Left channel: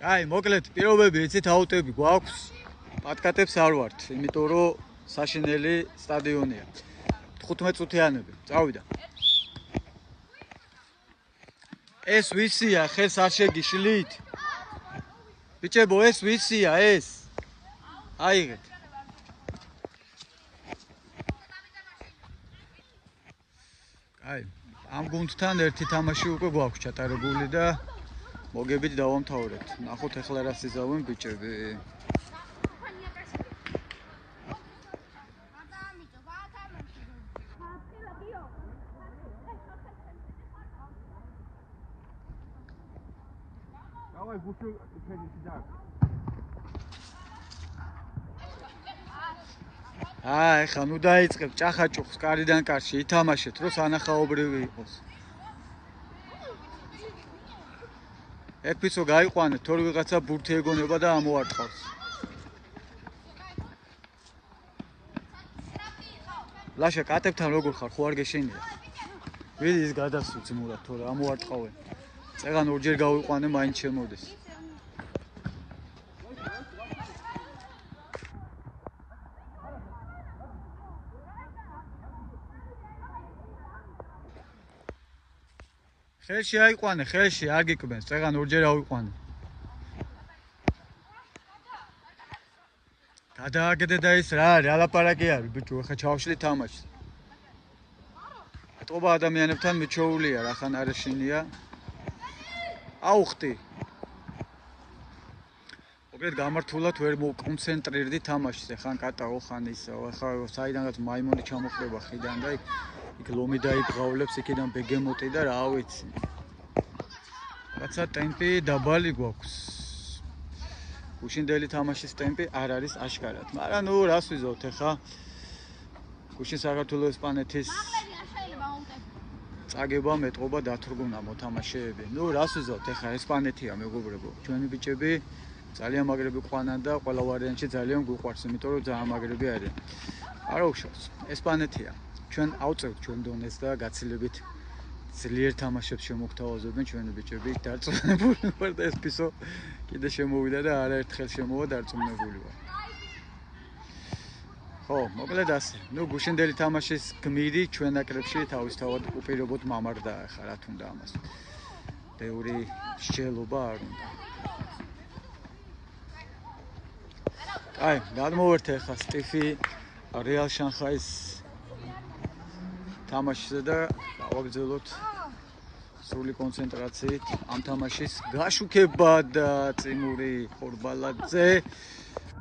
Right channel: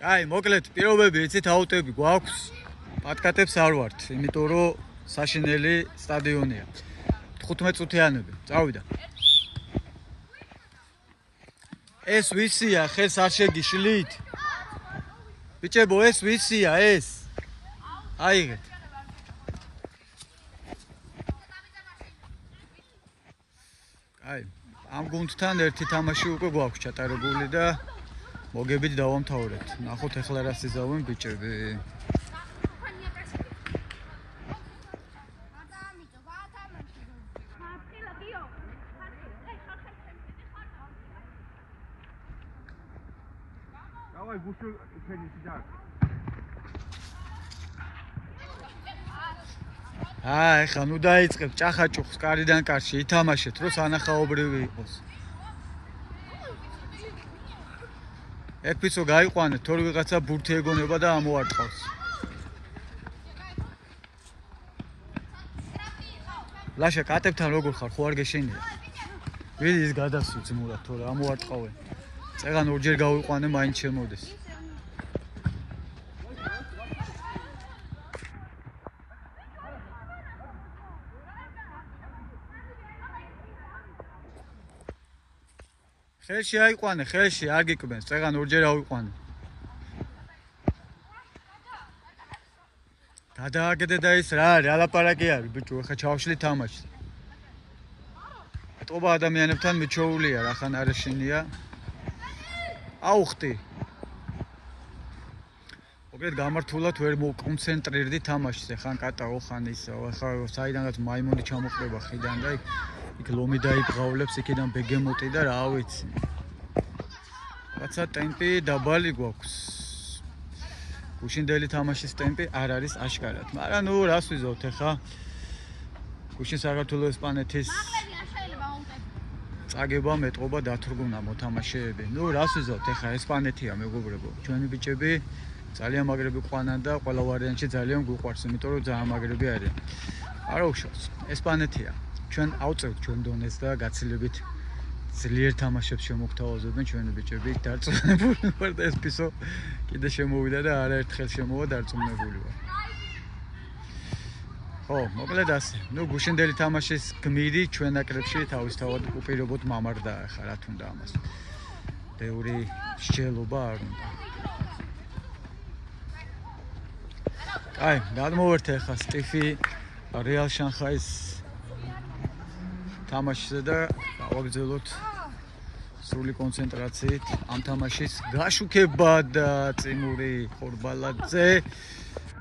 აი, მოკლედ, პირობები იცით აუტები გვაქვს. პატკატებს არ ვართ, იმიტომ რომ საშინელი სტადიონია. 15 წუთიანები. წავიდა. ეს ვისია, ხელს არ შეგიშლით? ბიჭებო, ეს ვისია, ეს? აიღეთ. აი, ამ გუნდთან ერთი თამაში უკვე გვაქვს ჩატარებული და მოგებით დავამთავრებთ. ნახოთ ახლა რა სიზავენ ბიჭები. Давай бушу ხედი და. აი, ხა ნუ დაიწყებ ჭახაჭუხს კარიდან კარში ითამაშეთ, რომ სანახაობრივი იყოს. ეკვიცო გაიყვანეთ, თორე ვიღაცა ბურთი ეგონება და ამოარტყავს. ლაშა კატებთან როგორ ხარ, ხო არ გეშენია? ვიდი ის გადასულ ძმურად, თორე ამოარტყავენ. წეგან ორჯერ გავიყვანე, მაინც შემოდეს. ხელში აიყვანე, ხელში არ გიკვბენს, წეგან ორჯერ ავიყვანე. გადააგდე და ის რა არის, ალაპარაკი არის, ბიჭო, ახლა ჩავშლი თამაშს. ეტყობა ადამიანებთან მიჩოულია, რახან არაშინია. აუხტი. მოკლედ გამართულად ვერ მოკონცენტრირდი თამაშს, ხან კატაო, ხან ისო, ახლა საიდანაც მაიმუნი ჩამოყდება ხიდან და იქ ლომი დაიგღავლებს, იქიდან ბეგემოტი და რა ვიცი. რაცა ტემპი დაბალი გვაქვს. გუშინდელი თამაშის ტემპი არ არის აშკარად. მაგრამ ნუ რას ვიზავთ ახლა? გუშინ საქართველოს ესპანეთის წაგება მეტყობა დათრგუნა მოთამაშეები. ნუ რას ვიზავთ ახლა ესპანეთია მეგობრებო. ჩვენი ბიჭები ძალიან მაგრები ყვანან და ყველა ვარიანტში ძალიან გვიყვარს, იმიტომ რომ ძალიან მაგრები არიან. არა უშავს. ესპანეთია. ჩვენ ავწევთ ჩვენ დონეს და გაცილებით ძლიერ თამაშებს შემოგთავაზებენ ჩვენი ბიჭები. დარწმუნებული ვარ და ეს პისო კიდე შემოვიდა და არაერთხელ შემოვა დარწმუნებული ვარ. ხო, მოკლედ ასე. ნუ გუშინდელი თამაშის გმირი ჩვენ ნაკრებში თავისთავად უპირობოდ მამარდა ახლა რა თუნდა ამას. ბევრი შეელობა არ უნდა. აი, გადმოვერთე ახლა სტიფი რეალ შანხაის თამაშზე და გავაგრძელოთ სრული კონცენტრაციით ამ თამაშის გაშუქება და წიმური ხორბალაძე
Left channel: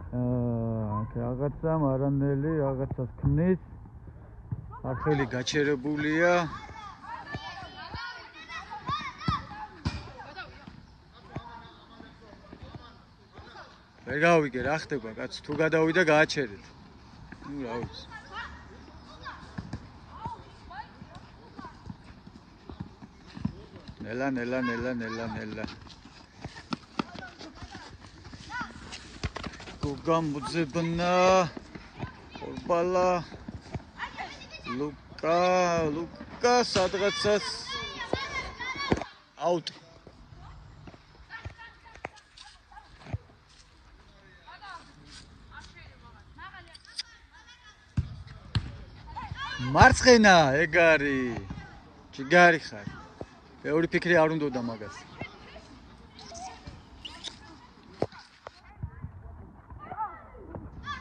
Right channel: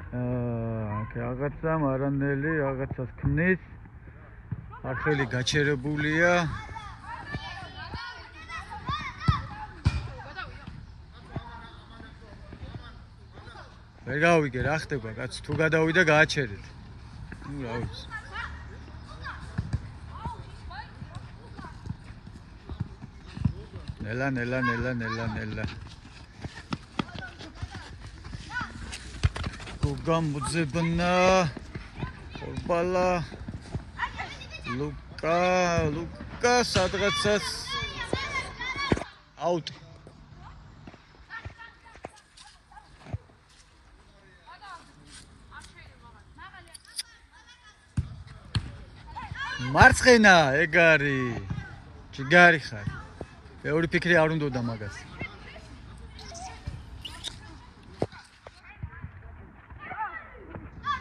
რაღაცა მარანელი რაღაცას ქმნის. არხელი გაჩერებულია. ვერ გავიგე რა ხდება, კაც თუ გადავიდა გააჩერეთ. ნუ რა ვიცი. ნელა. გოგამოძებნა ხორბალა ლუკა სადღაცას აუტი. მარცხენა ეგარი ჯიგარი ხარ. ბევრი ფიქრი არ უნდოდა მაგას.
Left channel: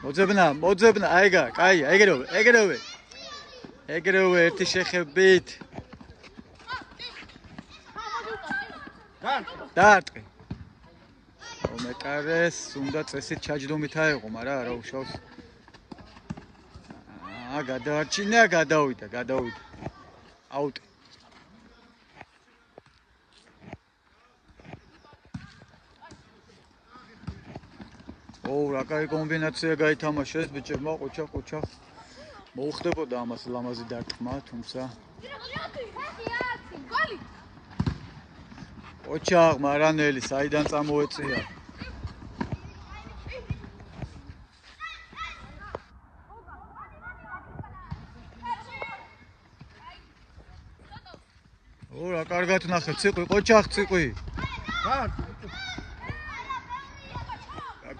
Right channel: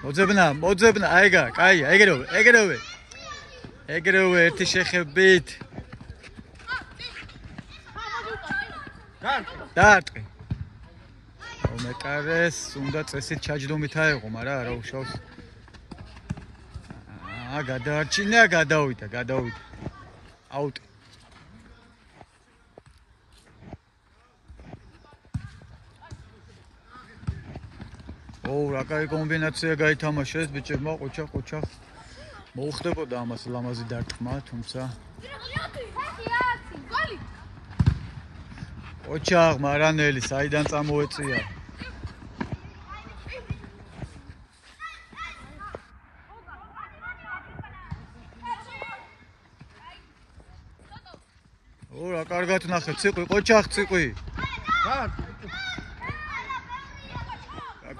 მოძებნა, აიგა, კაი, ეგრევე ერთი შეხებით. დაარტყი. მეკარეს, უნდა წესით ჩაჯდომით აეღო, მაგრამ არა უშავს. გადაარჩინა, გადავიდა. აუტი. რა კაი კომბინაცია გაითამაშეს ბიჭებმა, ყოჩა. მოუხდებოდა ამას ლამაზი დარტყმა, თუმცა ყოჩა მარანელი საიდან წამოეწია. რა კარგად ნახე, ციყვი, ყოჩახ ციყვი.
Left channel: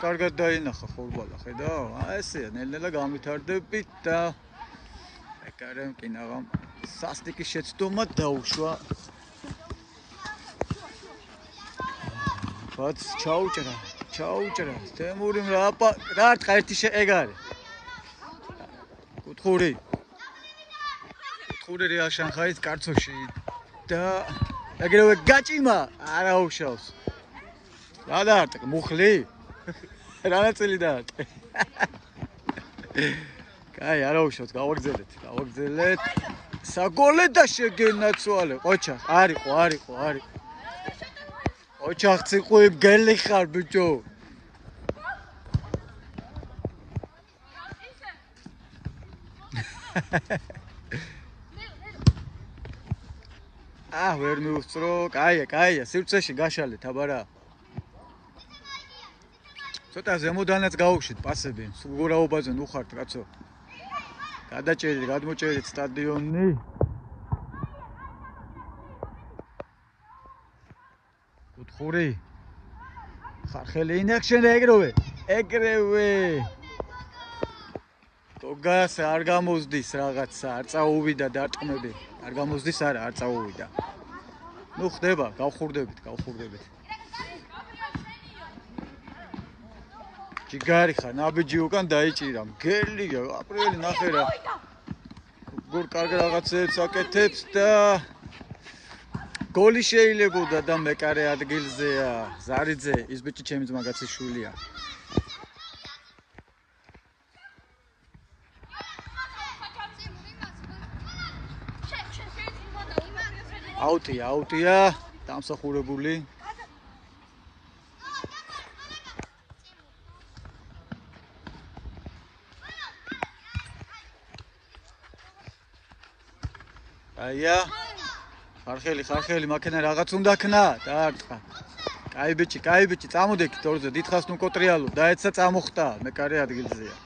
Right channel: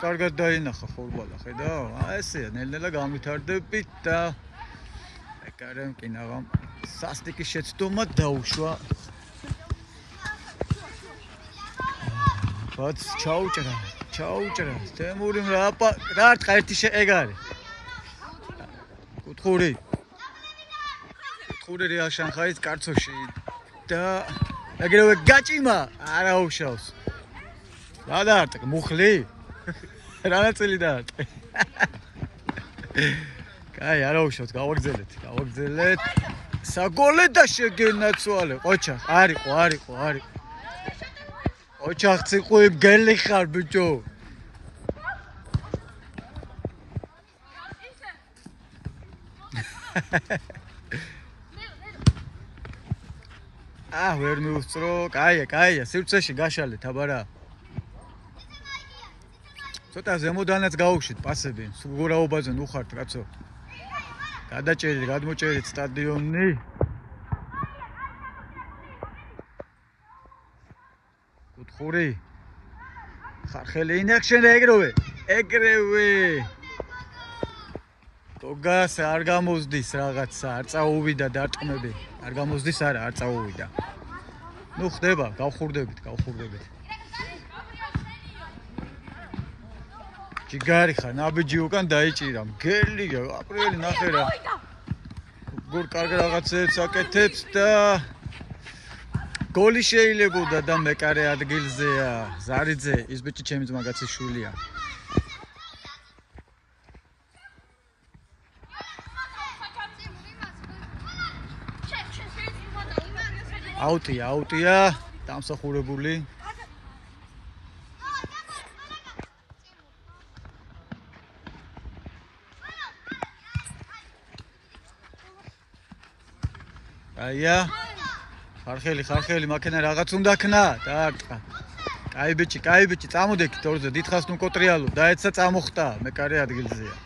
კარგად დაინახა ხორბალა, ხედავ? ესეა, ნელ-ნელა განვითარდებით და მეკარემ კინაღამ სასტიკის შეცდომა დაუშვა. ბაც ჩაუჭრა. თემურიმ რა ერთი ეგარი. კუთხური რეალ შანხაის კარცოში და ეგრევე გაჭიმა არა უშავს. რა დაარტყე მუხლი? რანაწილი დაარტყე. კაი, არა უშავს, გავაგზელეთ. საგოლე და შეგენაცვალე. ყოჩა, არიყო. ოჩახ ციყვი გელი ხარ ბიჭო. ვერ მიუსწრო. კაია, სივრცეში გაშალეთ, აბარა. ცოტა ზემოდანაც გაუშვით პასები. სუგურაობაზე ნუხართ, კაცო. გადმოჭერით სტადიონი. კუთხური. ხარხელი ინაქშენ ეგრევე. გოგას არ გამოზდის რაღაცა, არ წაუვიდა დარტყმები. არ გამოზდის არა, არ წაუვიდა. ნუ ხდება, გავხურდებით. ჯიგარი ხარ, ნაბიჯი უკან დაიჭირა. მგელია, აპრიელი ნახე რა. გურ კარგ რაღაცებს აკეთებს და გოლი შეიძლებოდა და მეკარე ადგილზეა. ზარიძე, ის ბიჭი ჩემი ძმაკაცის შვილია. აუტია, დამსახურებული. აია. ხარხელი, მაქენა რაღაც უნდა ქნა, დაარტყა. კაი ბიჭი, წამოდექით ორზე, დიდხანს ნუ კოტრიალო, დაეცა წამოხტა, მეკარე ადგილზეა.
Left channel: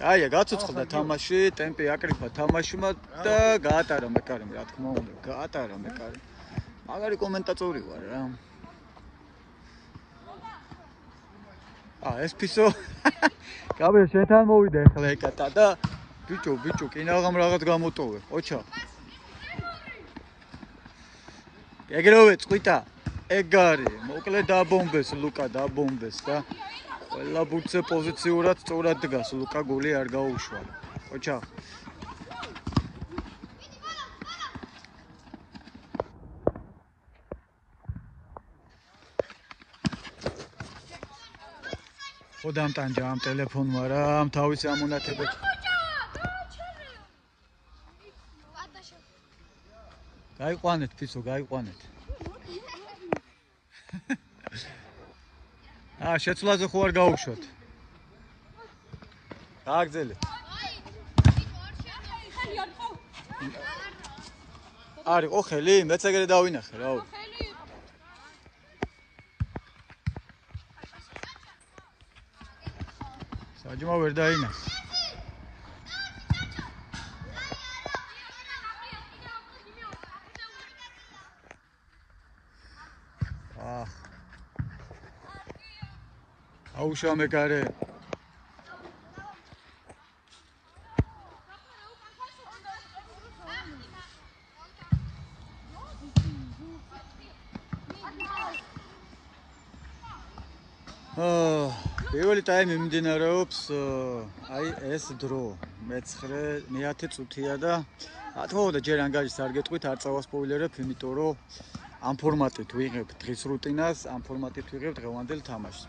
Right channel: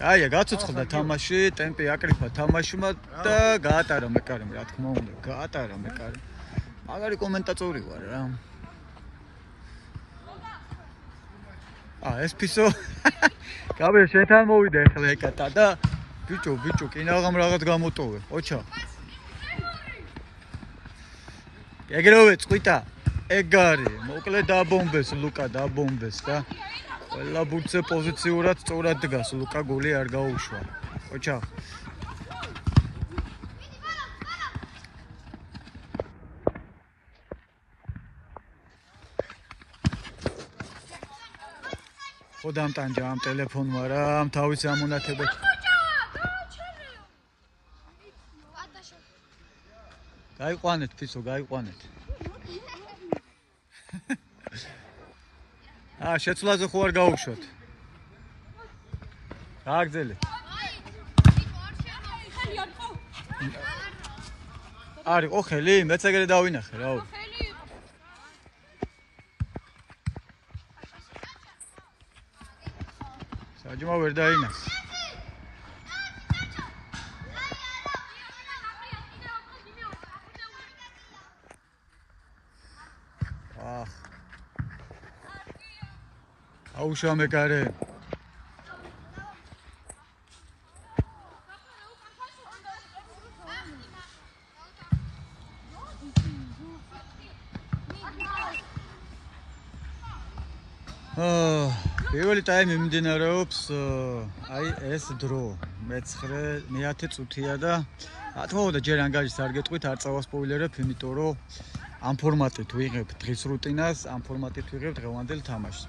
კაია, გაცოცხლდა თამაში, ტემპი აკრიფა თამაშმა და გაატარა მეკარემ, რა თქმა უნდა, გაატარა მეკარე. მაგარი კომენტატორი ვარ რა. ეს ფისო. კაბე შეთან მოვიდა ახლა ეკატა და ბიჭო, კინაღამ რაღაც გამოტოვე. ოჩა. ეგრევე წყვიტა. ეგარი, მოკლე დაბომბეს, ლუკა დაბომბეს და ყველა ბურთზე პოზიციურად სწორად დგას, ლუკა გოლი არ გაუშვა. ოჩა. ხო დამტანჯა ამ ტელეფონმა რა, თავის ამონათებად. გაიყვანეთ ფიცო, გაიყვანეთ. შეცვლაზე ხო არ გაუშვათ. გააგზელეთ. არისო ხელი, მეც ეგრე დავინახე რა. საჯმა ვერ დაინახე. აუშვა მეკარე. პირველი ტაიმი მიმდინარეობს ეს დრო. მე-10 წუთია და რა თქმა უნდა ჯერ ანგარიშს არ გეტყვით, არ წავასპოილერებ, იმიტომ რომ ამ ფორმატით ვიღებთ დღის რუტინას, ამ ფორმატით ვიღებთ დღევანდელ თამაშს.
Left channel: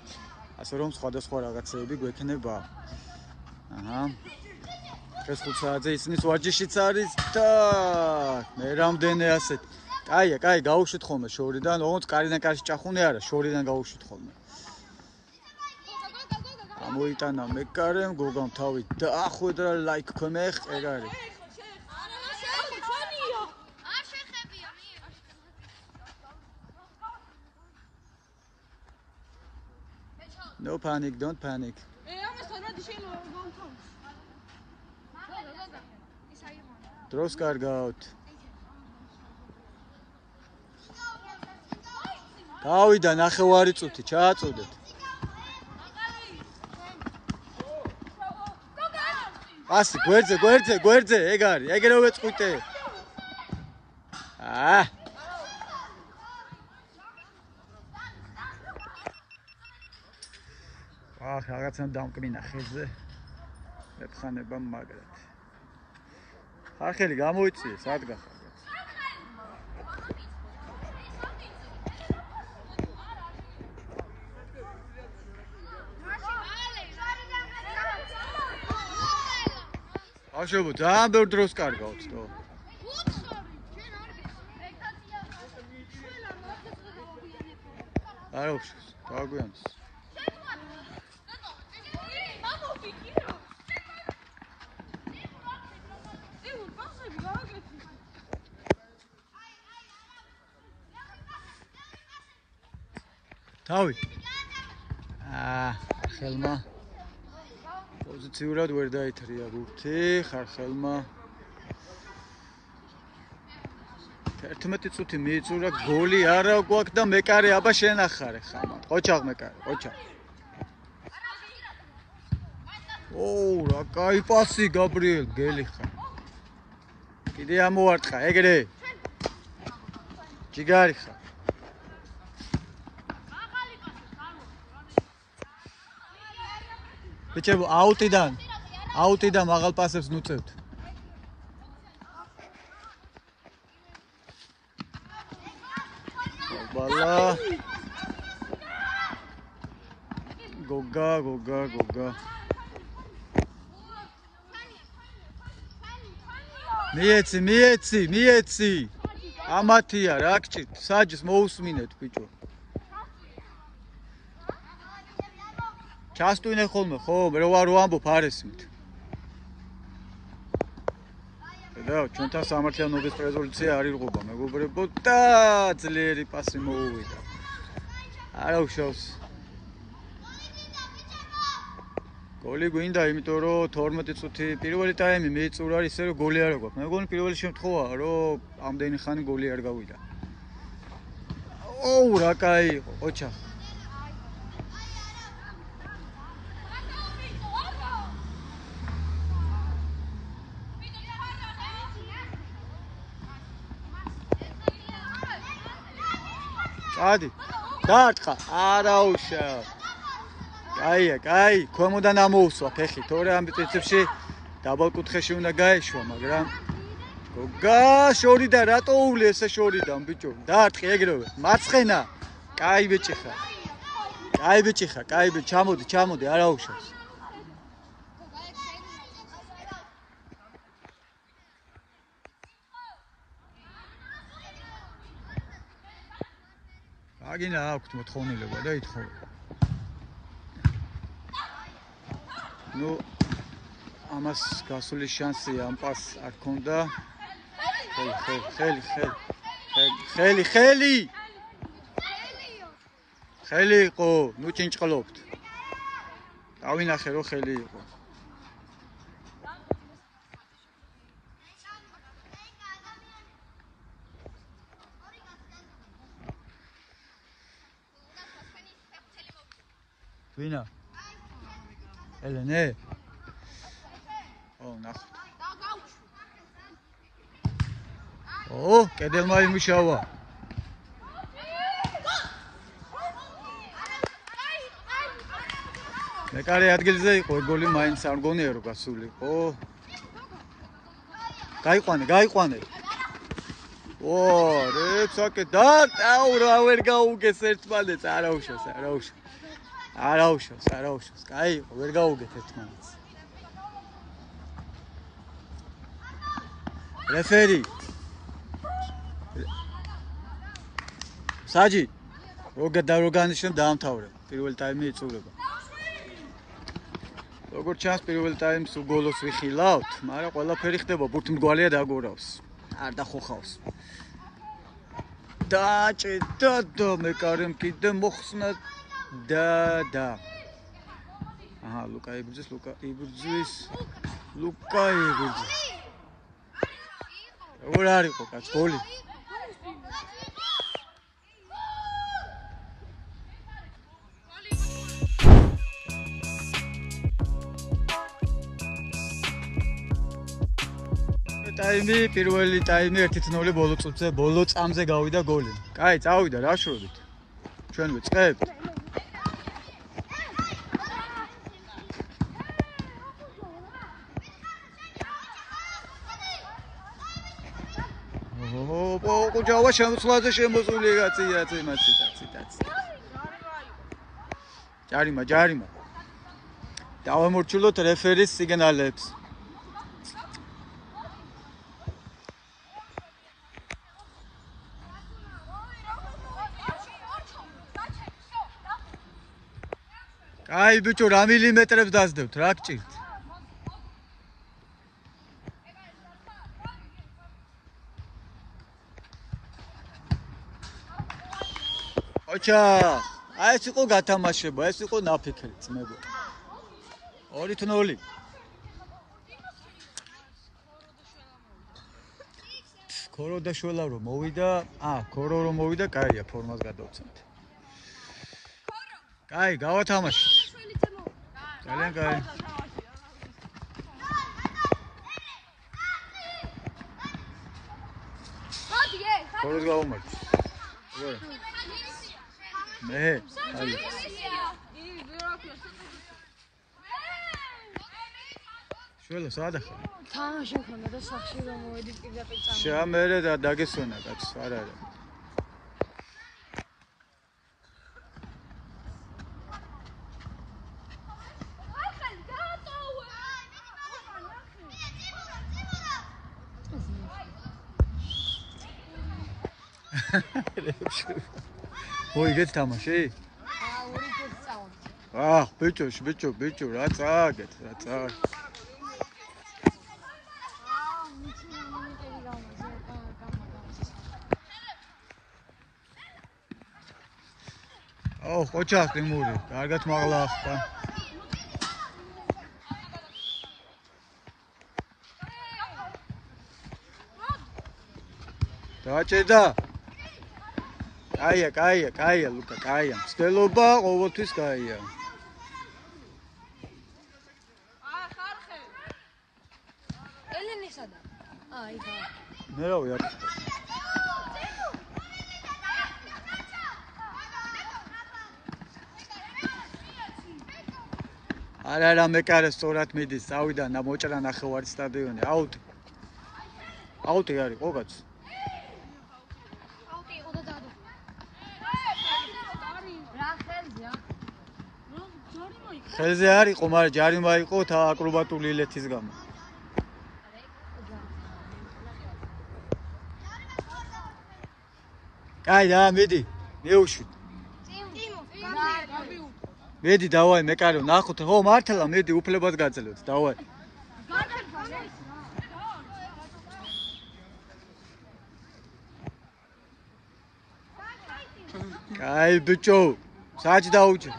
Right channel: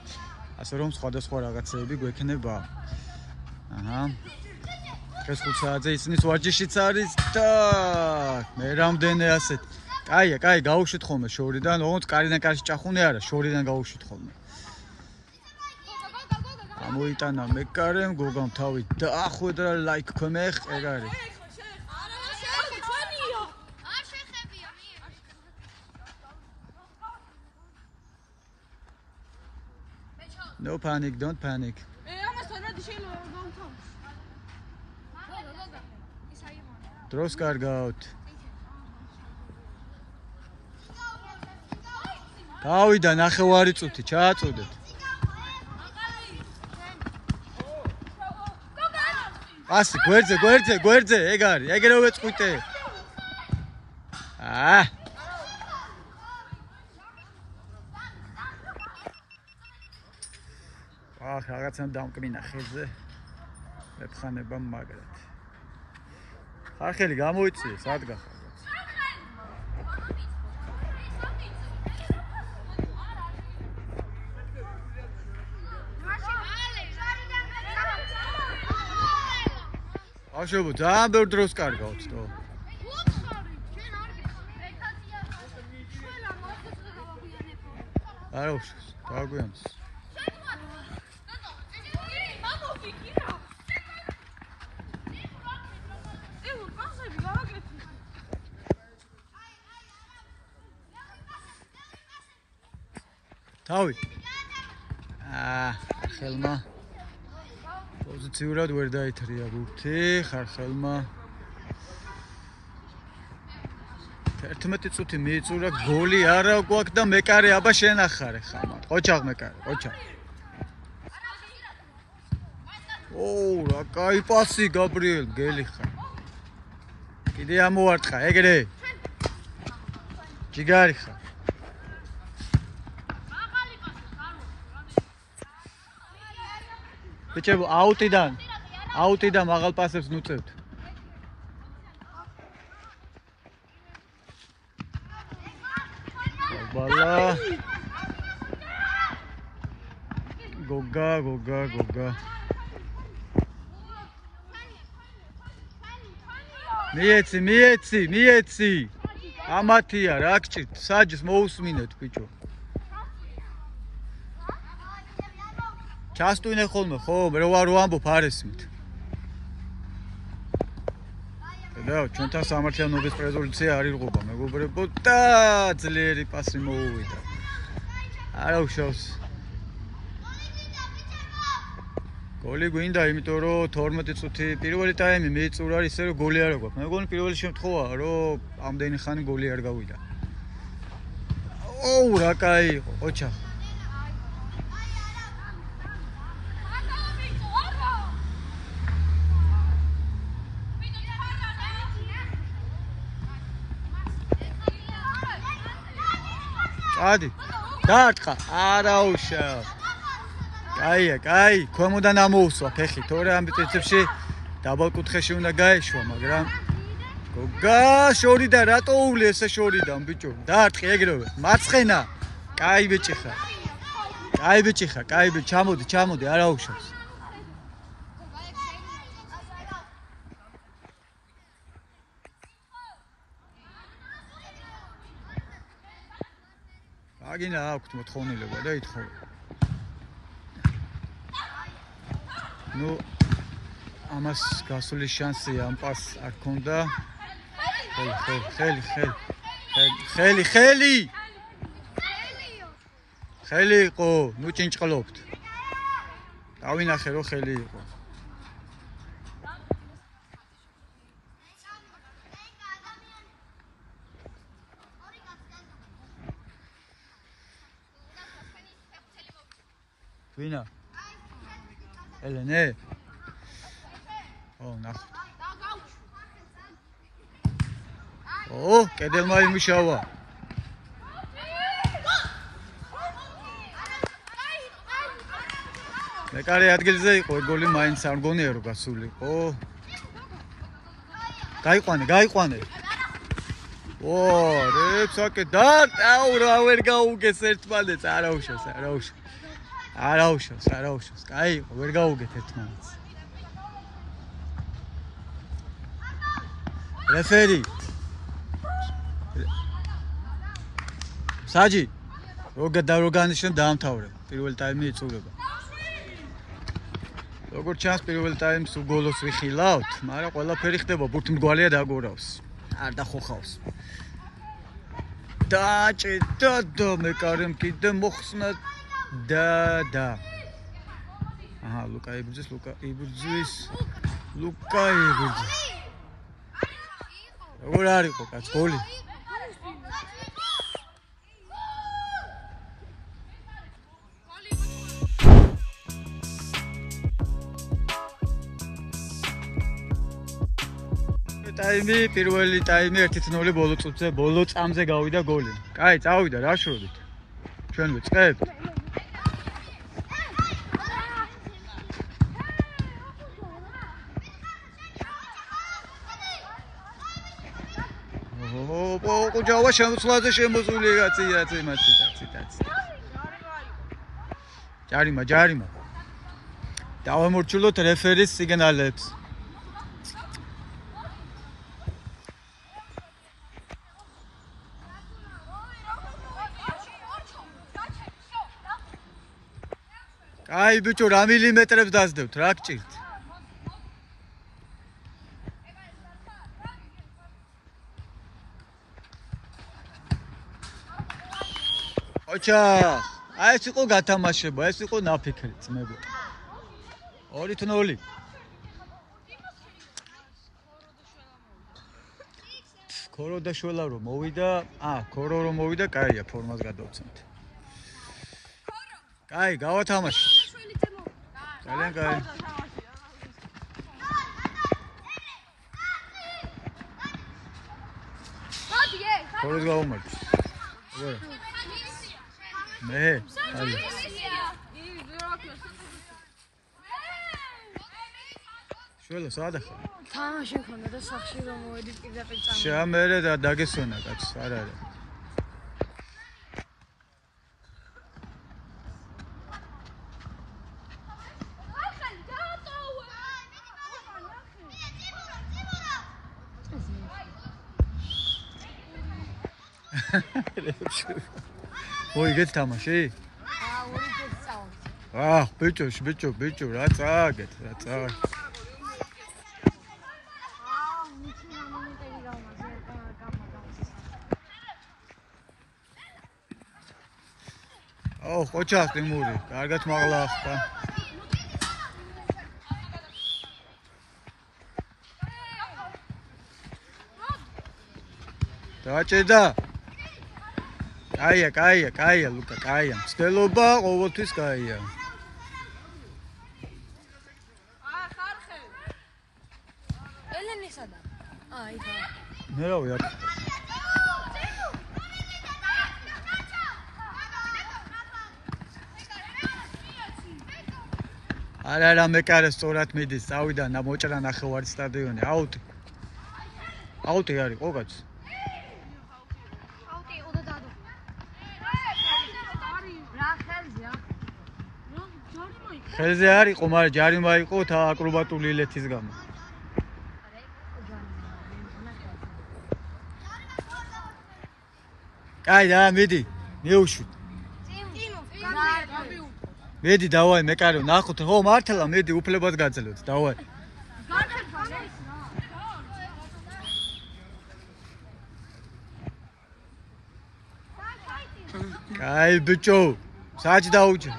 ასე რომ სხვადასხვა რაღაცეები გვექნება. დღეს 5 საათზე ისნის ვარჯიშიც არის და მე რამდენი ასეთ. კაია, გაუშვით ხოლმე შორიდან, ოღონდ კარიდან კარში ჭახუნე არა, შორიდან გაუშვით ხოლმე. გამოიტანა მეკარემ, გოგამ თავი დაახვედრა, ლაიქ ქვემეხ, ეგ არის. No panic, don't panic. დროს კარგავთ. გავიდა 9 წუთი, ჩააწოდეთ. Asi, გვერდზე, ეგ არის, ეგრევე წყვიტე. რაღაცა დამკმინა ხელზე. მეფხანება მაგრად. ხარხელი გამოიწიე, სადგა ხარ. ბავშვებო, ძალიან ბევრ დროს კარგავთ, თო. არა უშავს, დაგვიანს. თავი. ხელმა პოზიციურად ვერ დაითრია გუთი, ხარხელმა 11 წუთი მიიწურა, გოლი არა გვაქვს და მეკარე აბა შენ ახარე ხამარ. ყოჩაღ მეკარე, ყოჩაღ. რა კაი პასი გაბრიელ, გელი ხარ. კიდე ამოვარტყა, ეგრე. ჯიგარი ხარ. ბიჭებო, აუტიდან მაღალ პასებს ნუწევთ. ბალა. გოგა. მიეცი. ამათია, რა გჭირთ, საჯს მოусმინეთ, ბიჭო. ჩასტვინე ხოლმე, ხო, მე ვარ ვამბობ არესმით. და ჩვენთან სამართლიანობის პრეზოლუცია არ ირღვება, მეგობრებო, და ძლიერი პასი მოუვიდა. არა უშავს. გოლი გვინდა, იმიტომ რომ 12 წუთი პირველი ტაიმი მიიწურა, ისე რომ გოლი არ აქვს. მე მგონი პირველი შემთხვევაა, რომ ამდენი ხანი გოლი არ გავიდა. რა კაი იყო, ოჩა. ადი დაარტყა არა უშავ კაი ქვემოდან ამოუსვა ფეხი თორე ამ პრინციპში დაბალკუთხეში უნდა გაეშვა მაგრამ გოგა შორიდან რატო უვლი ესე შორიდან ბიჭო დაარტყი ეგრევე მარცხენა კაი ბიჭი ხარ ჩამოდი არა უშავ აგინა აქვთ მოთხოვნილება და ითხოვე. ამას გასული შანსი ამ პასს არ ქონდა. ხელი იყო, ჭინჭყლობთ. დავინახე რომ ხელი იყო. ვინა? ელენე? ნახოთ. კედელმა იმუშავა. მეკარე ადგილზე იყო, გოლი მაინც არ მგონია რომ გასულიყო. გაიყვანე. რეცაკე და რა ვერ გაუგეს ერთმანეთს, არა უშავს. კაი იყო, ვერ გაუგეთ ერთმანეთს. რეფერი. საჯი. როგანიშნებ დაამთავრე. პირველი ტაიმი იწურება. როგორც ჩანს, პირველ ტაიმს უგოლოს ვიხილავთ, მაგრამ ყველაფერი ხდება, ბურთმრგვალია დაგორავს. არ დახოხავს. და მეკარემ კიდე მოხსნა და ლუკა იბრძვის როგორ არ იყო კაც გოლი ტაიმი, პირველი ტაიმი 1-0 ბოლო წამზე გავიდა გოლი. კაი, წავიდა რა შევდით. ჩვენ ვიწყებთ. ოღონდ შემოწლაზე შემოსული კაცია წემაცი. ჯარიმა. დავამორჩილოთ რეფერის სიგნალებს. აი ბიჭო, რა მილიმეტრებს დასდევთ, რა გჭირთ? ოჩა, აი ეს იყო გათამაშება, ეს იყო ნაფიქრი ძმებო. 2-0. ქორო და შველა რომ მოვიდა, ქორო რომ მოვიდა, კაია, ფორმას გადავცემთ. კაი, გავათამაშოთ. ძალიან კაი. ქოროს გავუმარჯვე. როგორ? მე, აი. შველა, სადა ხარ? თამაში ხონდა და სახში რომ მოვედით პირდაპირ წავ. შემერე და დაგესვენა კაცს, არა. მოიგეთ თამაში? ბიჭო, რა წააგეთ, რა წააგეთ. ხოჩა ყიმური, კარგად მაღლა ახლა. დაჭედა. კაია, ლუკა, კაია. მცდელობა ყოველთვის კაია. ელენისა და. მე რა ვიარ. არა, მეკარე სწორად მიდის, წავიდა მოჭრა ნახევარი სტადიონი, აუტი. აუტი არის, ხო კაც? აუტი, ოდა დადა. რა ხელზეა? ხელზე არისო, მაგრამ ჯარიმა იყო თა აკრობატული ილეთის გამო. კაი, და მიდი, მეუშვით. მედი დავაი მეკარო ნახოთ ხო მართლა მედი უფლებად გაძლევთ დავაი კაი ბიჭო საჭ დაუჭე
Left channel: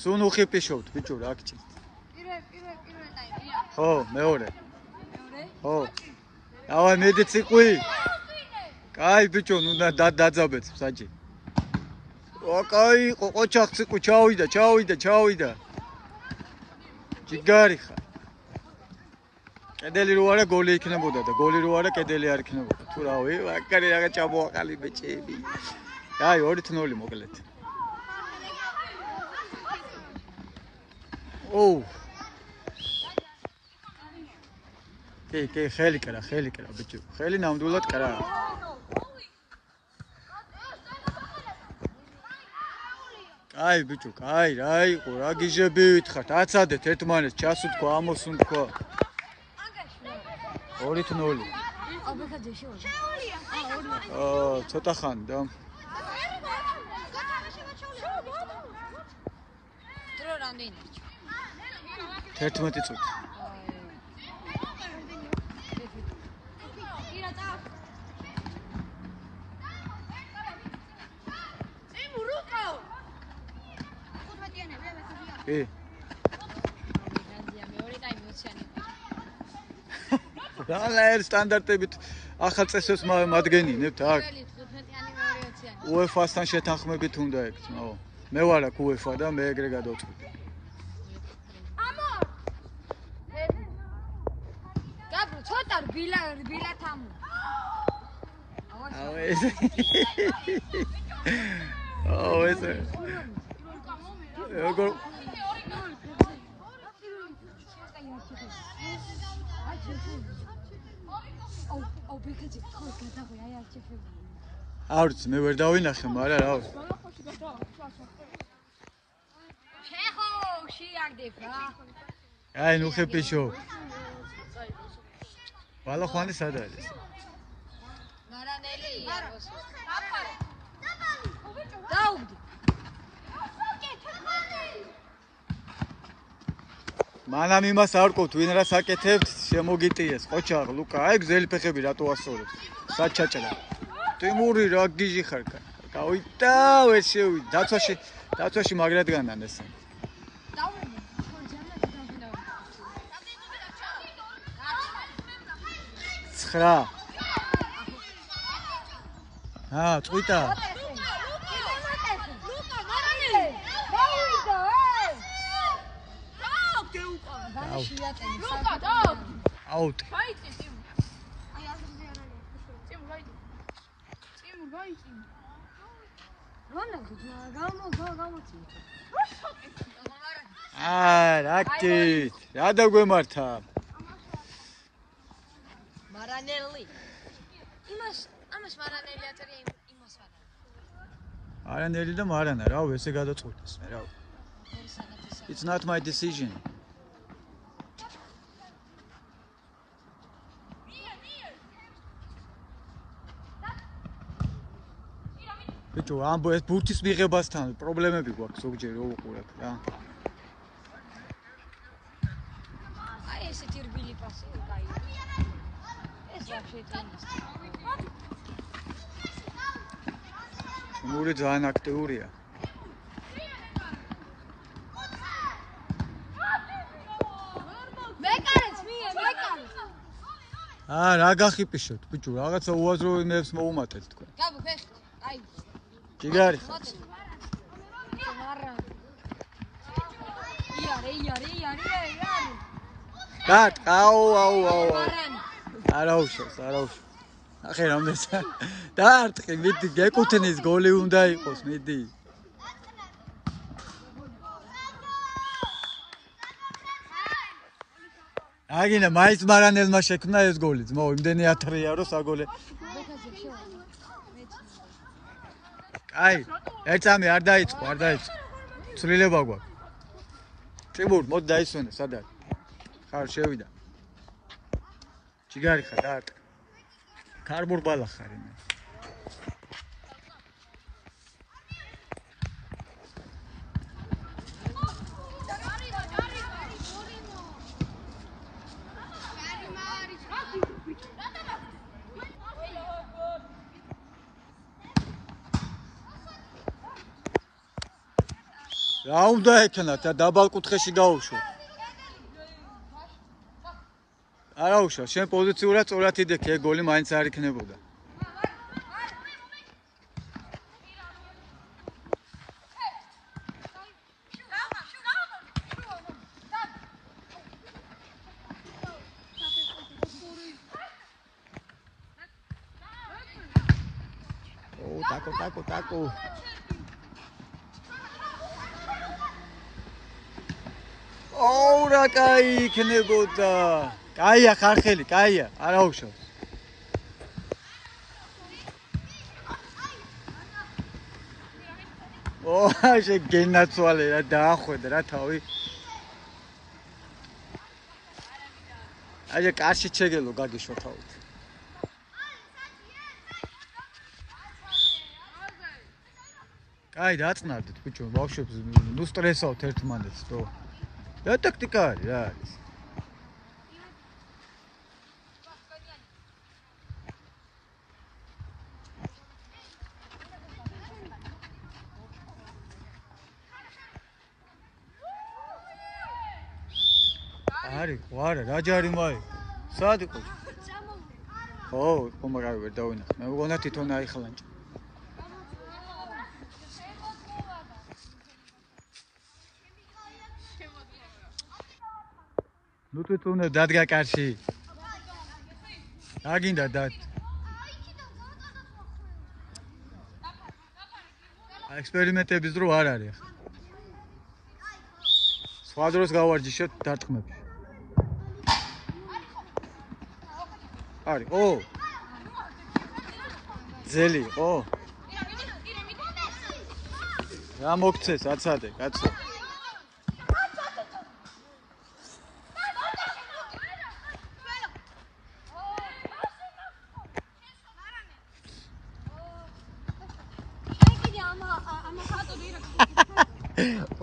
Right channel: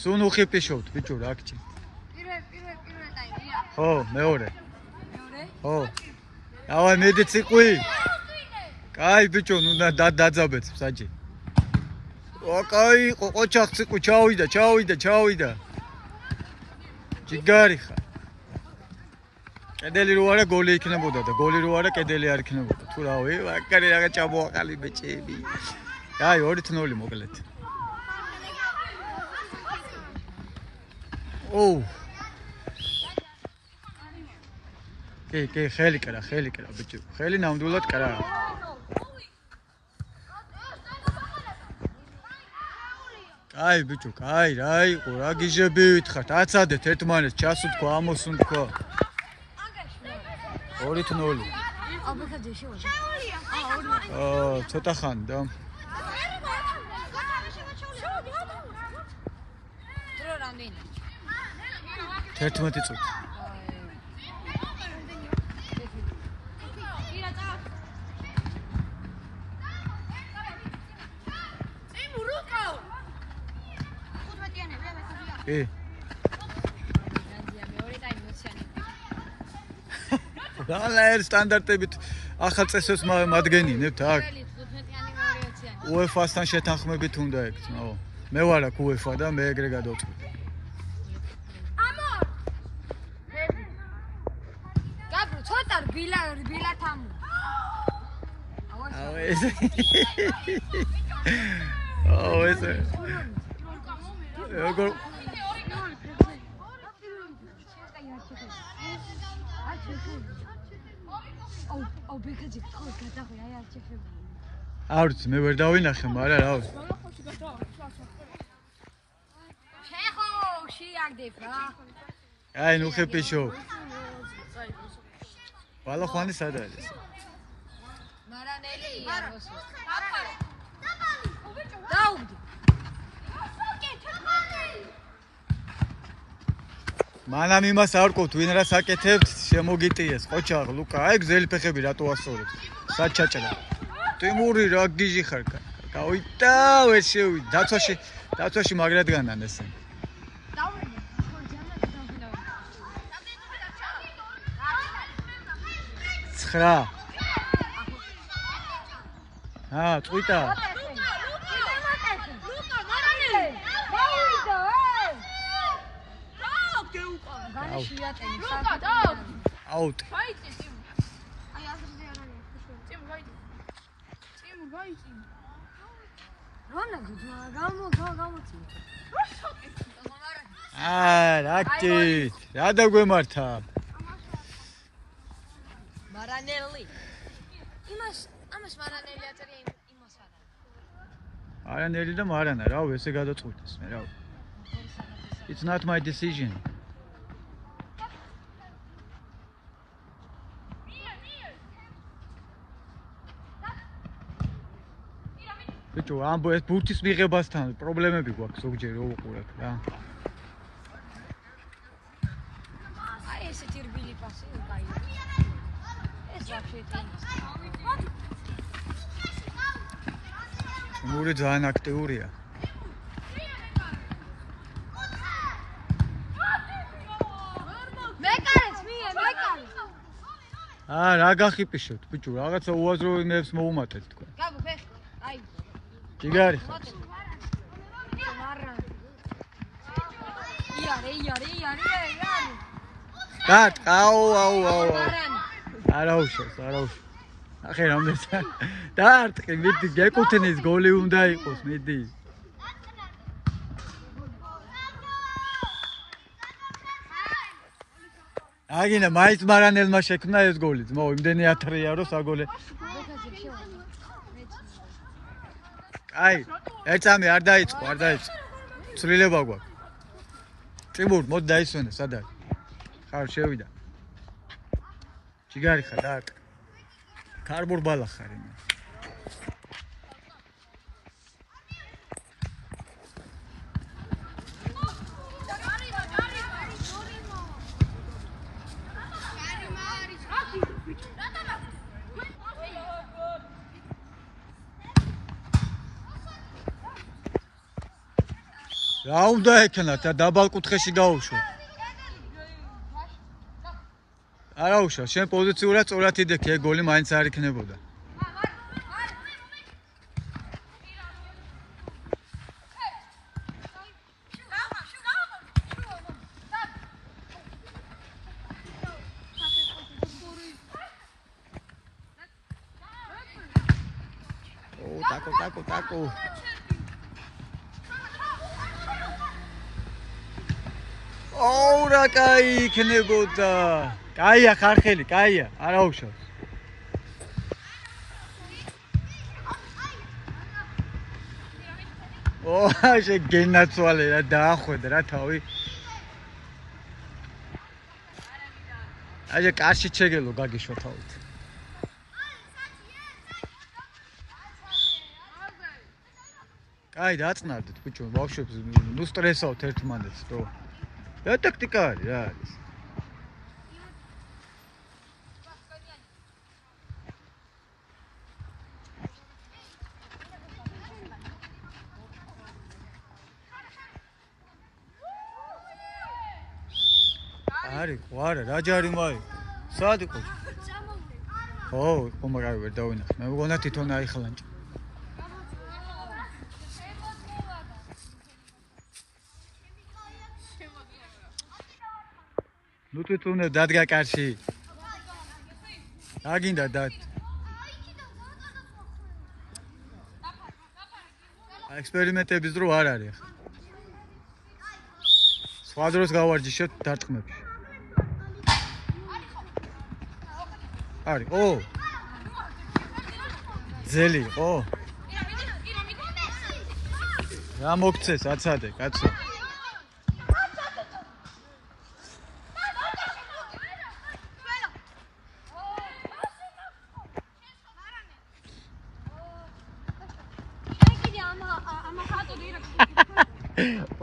სუნუ ხიპიშოთ ბიჭო რა გჭირთ პირველ ტაიმია ხო მეორე ხო დავაი მედი ციყვი კაი ბიჭო ნუ დაძაბეთ საჭი ოკაი, ყოყოჩახ ციკუ ჩავიდა. ჯიგარი ხარ. კედელი რო არა გოლი იქნებოდა და გოლი რო არა კედელი არ იქნებოდა. თუ რავი, ვაკარი რაღა ჩამოაყალი ბეჭები. აი 2-0 მოკლედ. კი, ხელი კრა ბიჭო. ხელი ნამდვილად კრა. კაი ბიჭო, კაი, რა იყო, რა გიჟები ვითხრათ, აცადეთ ერთმანეთს ჩასუთქო, ამოსუნთქო. 2-0. ცოტა ხანი და. დრო რამდენი? 11 წუთი. რა სტანდარტებით ახალ წესებს მადგენინებთ აქ UEFA-სთან შეთანხმებით უნდა ექცნო მე ვარ აქ UEFA და მე ეგრე გადავწყვიტე ეს როგორ არც მე ვერ დავინახე, მაგრამ რა ვიცი. შეხო, შეაგდებ რა. აი, ნუ ხეპიშო. ვალა ხვანი სად არის? მარანელია. მანამ იმას არ ყოთ, ვინ რას აკეთებთ, შემოგიტიეს, ყოჩაღ, ლუკა, აი გზელი ფეხები რატო ასწორებს? სად ჩაჭრა? ტიმური რა გიჟი ხარ? გავიდა, ვერ შევიდა. დაცვაში მაგრად განან ესენ. ცხრა. წვიტა. აუტ. რაკით. რა დაგვემართა? მარანელი. ამას მარანელი აწერია, იმას მარანელი. არანელი და მარანა, რავ, ესე გადაწყვიტეს მე, რავ. It's not my decision. ბიჭო, ამბო ეს ბურთის მიღებასთან პრობლემები გვაქვს ზოგჯერ რო უყურებ რა. აი ესეთი რბილი პასი უკაი. ეს ვაფშე მური ძალიან აქტიურია. მეკარეს მie, მეკარეს. რა გახიპიშოთ, ბიჭო, რაღაცა უაზრო იმებს მოუმატეთ თქვენ. გაბო ფეხი. აი. ტიგარი ხარ. იარე. აუ. არაუშავს. ახე რამდენს. დაარტყი, მიდი, გეკუთვნის გოლი უნდა იყოს, მიდი. აგინა მაინც მარანელმა შექმნა ეს გოლი, ძმო, იმდენი ათრია რომ საგოლე. აი, ერთამი არ დაიწყო. ცვლილება გვაქვს. ტიმურ, მოდი დაისვენე, სად არის? ხარ შევიდა. ჯიგარი ხარ, დაარტყი. კარბურ ბალა ხარ მე. რა უნდა ეკნათ და დაბალ კუთხეში გაუშვა. არა უშვა, შენ პოზიციურად სწორად იდექი, ეგ გოლი მაინც არ იქნებოდა. ტაკო. რა კაი იქნებოდა. კაია ხარხელი, კაია, არა უშავ. შეგენაცვალე რა დაახვედა რა თავი. აი კარში შეგელო გაგიშვა თავით. კაი დაწნარდით ბიჭო, ბავშვებს ნუ სტრესავთ ერთმანეთს, რო. რა ტაქტიკა არის, რა არის? არა, რა ჯარი მაი? სად იყო? ხო, მაგარი ვერ დავინახე. მე მგონა თვითონ აიხლანჭ. ნუ თვითონ დადგა კარში. აგინდა დად. ექსპერიმენტების დრო არ არის ახლა. სხვა დროს გავარჯიშებთ დარტყმებში. არის, ო. ძელი, ო. რა მოგცეს, აცადე, კაცო.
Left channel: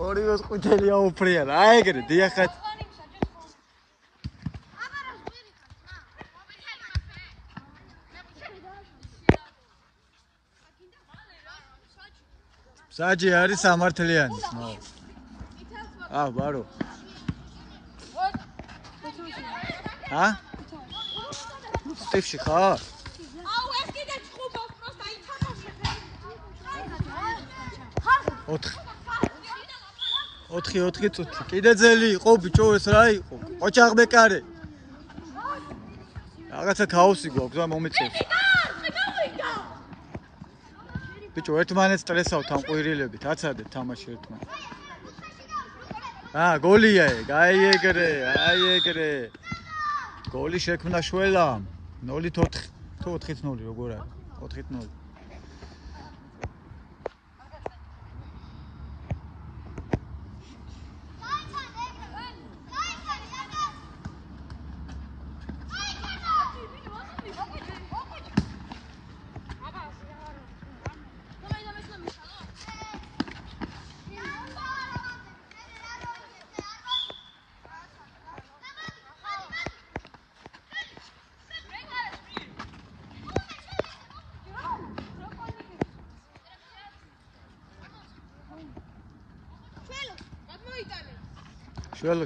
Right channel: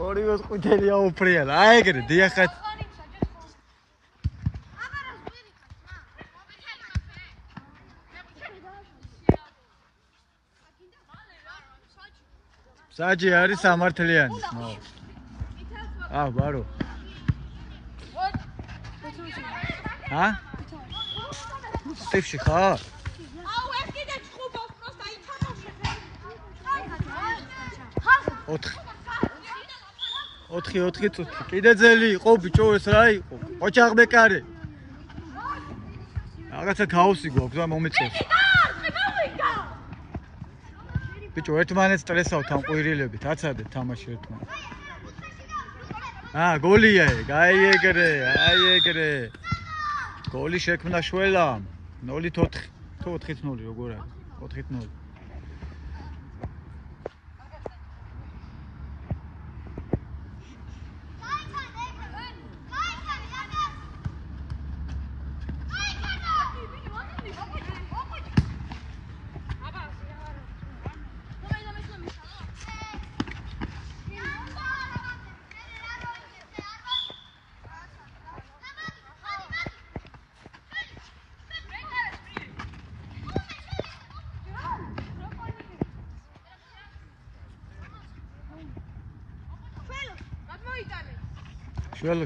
ორივეს ყუთელია უფრიალა. აი ეგრე, დიახეთ. საჯი არის სამართლიანი, ნო. ბარო. ჰა? სტიფში ხარ? ოთხი წუთი. კიდე ძელი იყო ბიჭო ეს რა იყო? ოჩაღბეკარე. რაღაცა ქაოსი გვაქვს და მომიწევს. ბიჭო ერთმანეთს სტრესავთ ამ ყვირილებით, აცადეთ თამაში ერთმანეთს. გოლია ეგ, აი ეგრე. გოლი შექმნა შველამ. 0-4. თუ 4-0 როგორ არის? 4-0.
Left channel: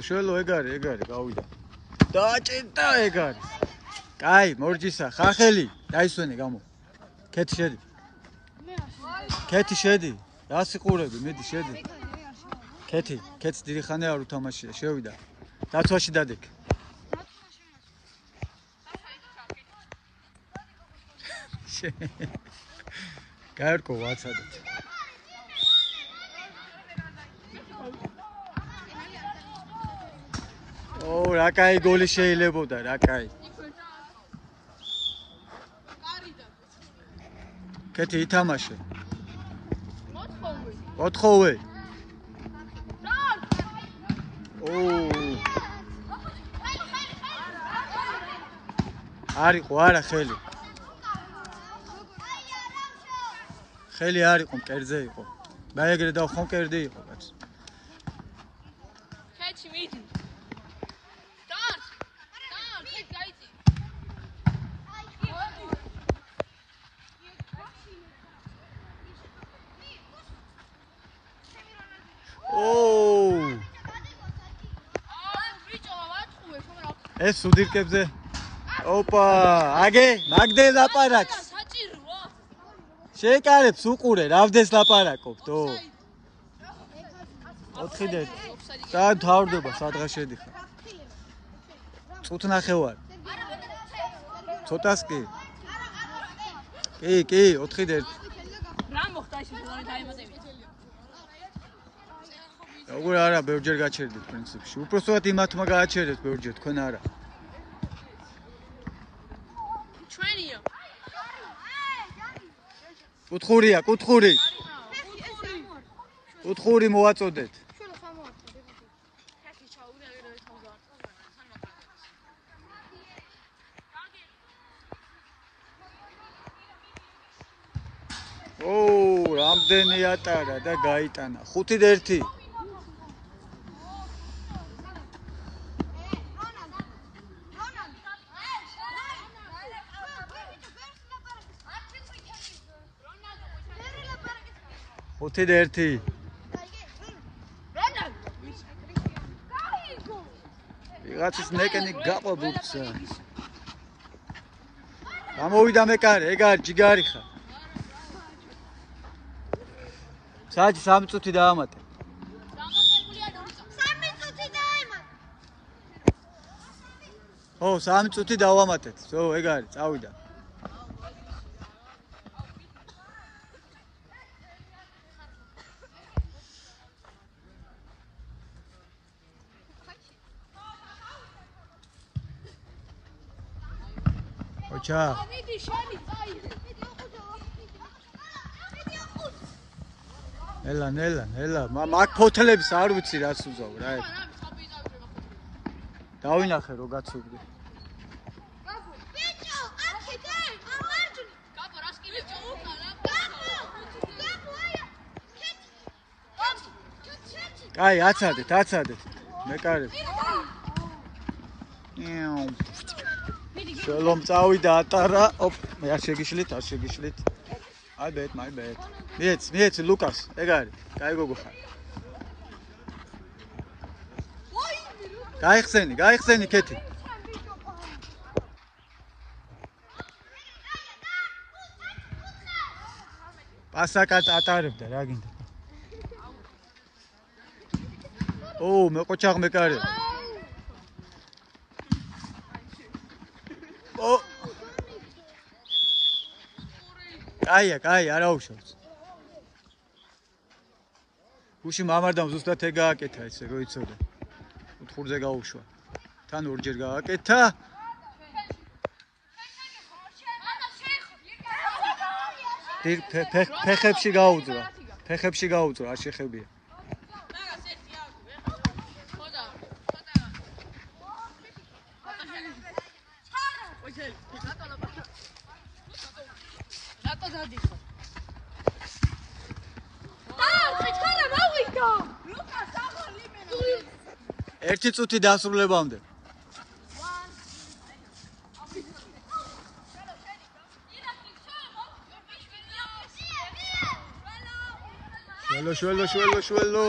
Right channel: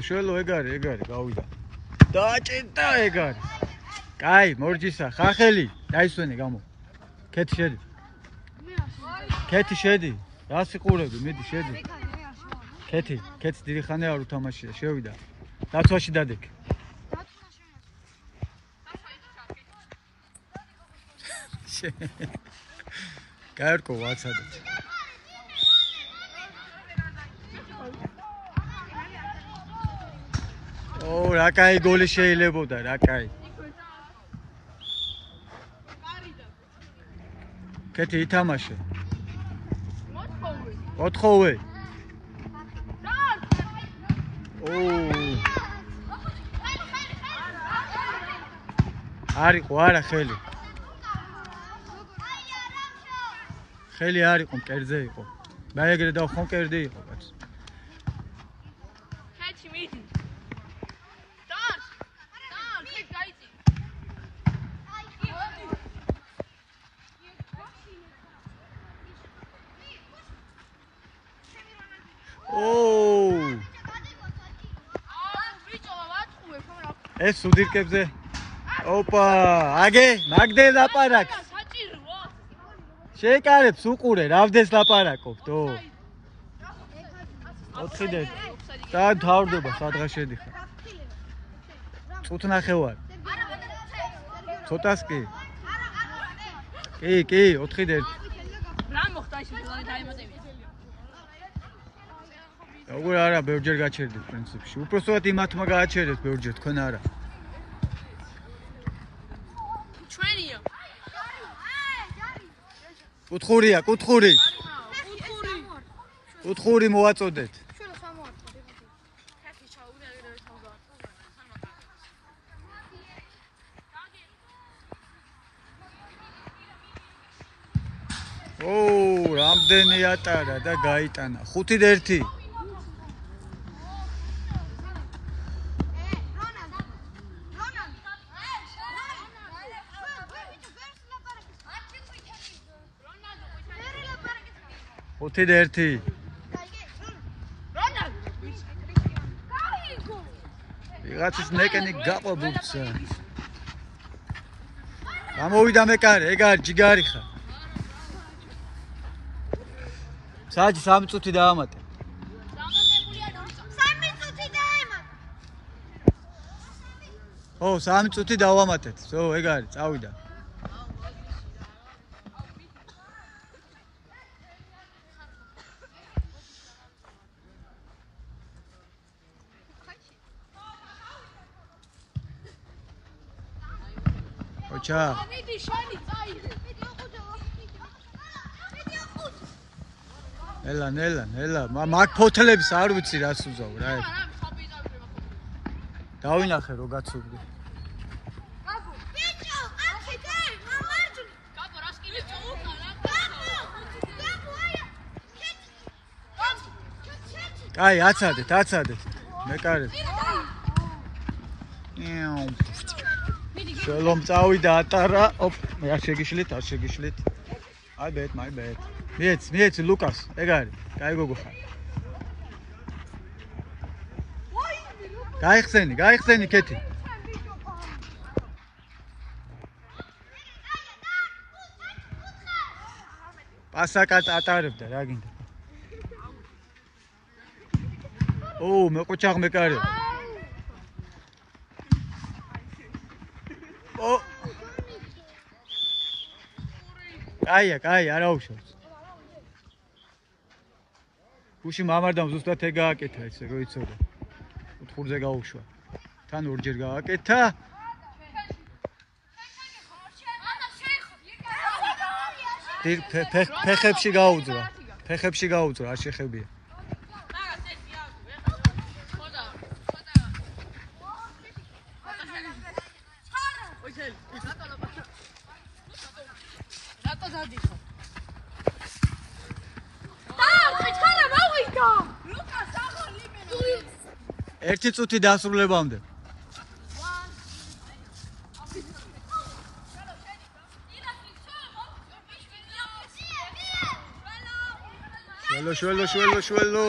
შველო ეგ არის, გავიდა. დააჭირდა ეგ არის. კაი, მორჯისა, ხახელი, დაისვენე გამო. ქეთი შედი. რა სიყურები, მედი შედი. ქეთი დიდი ხანი არ უთამაშია, შევიდა. დათვაში დადეკ. გაერკო ვაცადეთ. რა კაი გოლი შეიძლებოდა, რა კაი. ქეთი ითამაშე. 4-ოვე. არისო არა ხელი. ხელი არ იყო, მკერდზე იყო. და ეგრე დავხო მკერდი იყო, კაც. ქეთი მიდი. დარ, ქეთი გაიწი. ეს სუდირკებზე. ოპა, აგე, მაგდენ ლაპარაკს. საჭიროა. შეეკარებს უყურე, რავდეს ლაპარაკობ, თო. 4-დე. და თავდება, სადღაც შედიხარ. წუთ ნახევარ. ცოტას კი. კი, 4-დე. რა მოხდა ეს დაიმატებია? როგორ არა, ბევრჯერ გაჩერდით პრინციპში. უпроსტოდ იმათმა გააჩერეთ ბევრჯერ, თქვენ არა. კუთხურია, კუთხური მოვაწოდეთ. რამდენი ატარა და გაიტანა. 5-1. ვიღაცის ნეკენი გაყვებულცა. გამოვიდა მეკარე, ეგ არის ჯიგარი ხარ. საჯი 3 წუთი დაამატე. 3 წუთი დაემატე. 3 წუთი დავამატეთ. ეგ არის, წავიდა. ბიჭა. ნელა. მაგ ფოთლებს არ ვიცი რას უზავ რა. დავინახე რო გაცუგდი. აი, აცადეთ. მეკარებ. შელომ წავიდა ატარა. ოპ, არ შეგიშლით. My bad. მიეც ლუკას, ეგ არის. კაი გოგო ხარ. გაიხსენი კეთი. პასაკაც ატარებდა რა გინდა. მე ყოჩაღ მეკარე. კაი, არა უშავს. გუში მამარდამ ზუსტად ეგ გააკეთა ესე რო იცოდა. ოთხურზე გაუშვა. თან ორჯერ გააკეთა. ფეხებში გაუძრა, არ შეხებია. ერთი წუთი დასრულებამდე. შველო.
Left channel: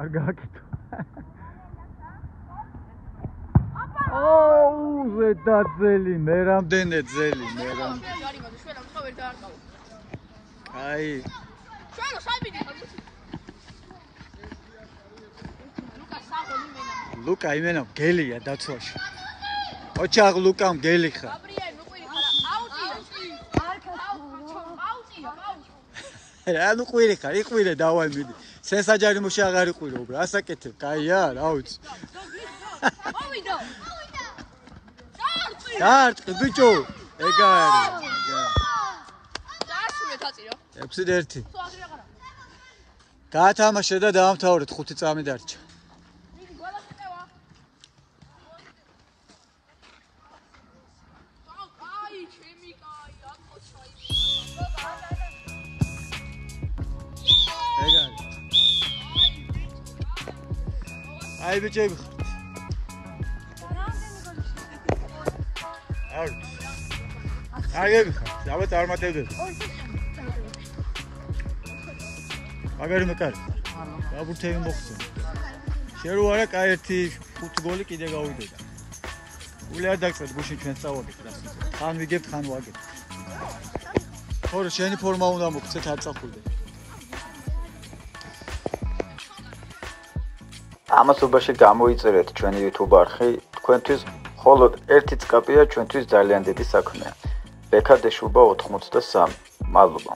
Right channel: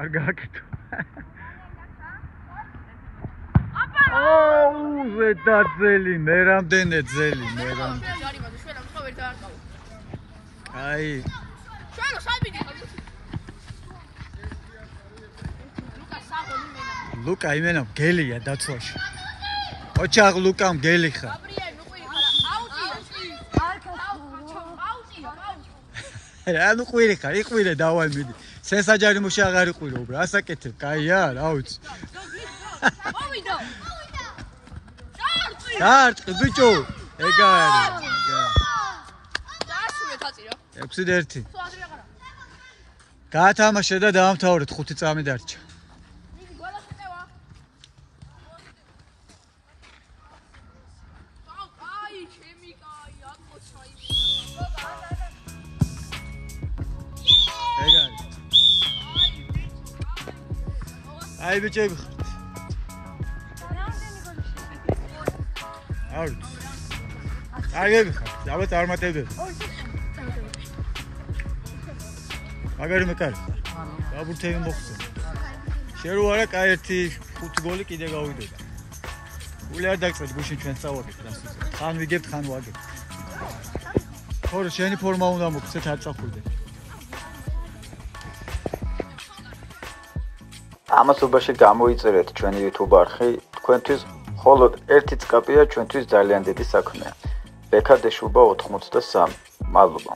არ გააკეთო. ზედაძელი, მე რამდენი ძელი. აი. ლუკა იმენა გელია დაცვაში. ოჩაღ ლუკამ გელი ხარ. ანუ ყვირი ხარ, იყვირე დავალ მიდი. სენსაჯარი მუში აღარ იყვირო უბრალოდ. ასაკეთებ, კაია, რა ვიცი. დარტყი ბიჭო. ეგ არის. დაასრულეთ აწირო. 6-1. გაათამაშე და დაამთავრეთ 5 წამი დარჩა. აი ბიჭები ხართ. აგები ხართ, ალბათ არ მატებდები. მაგარი მეკარი. დაბურთები მოხდა. შერო არა კაი ერთი 5 გოლი კიდე გავიდოდა. ული არ დაგწევთ გუში ჩვენ წავაგეთ და. ხან ვიგებთ, ხან ვაგებთ. თორე შენი ფორმა უნდა მოგცეთ არ წახვიდე. ამასობაში გამოიწერეთ ჩვენი YouTube არხი, თქვენთვის მხოლოდ ერთი წკაპია ჩვენთვის ძალიან დიდი საქმეა. ბექადეშუბა 83. მადლობა.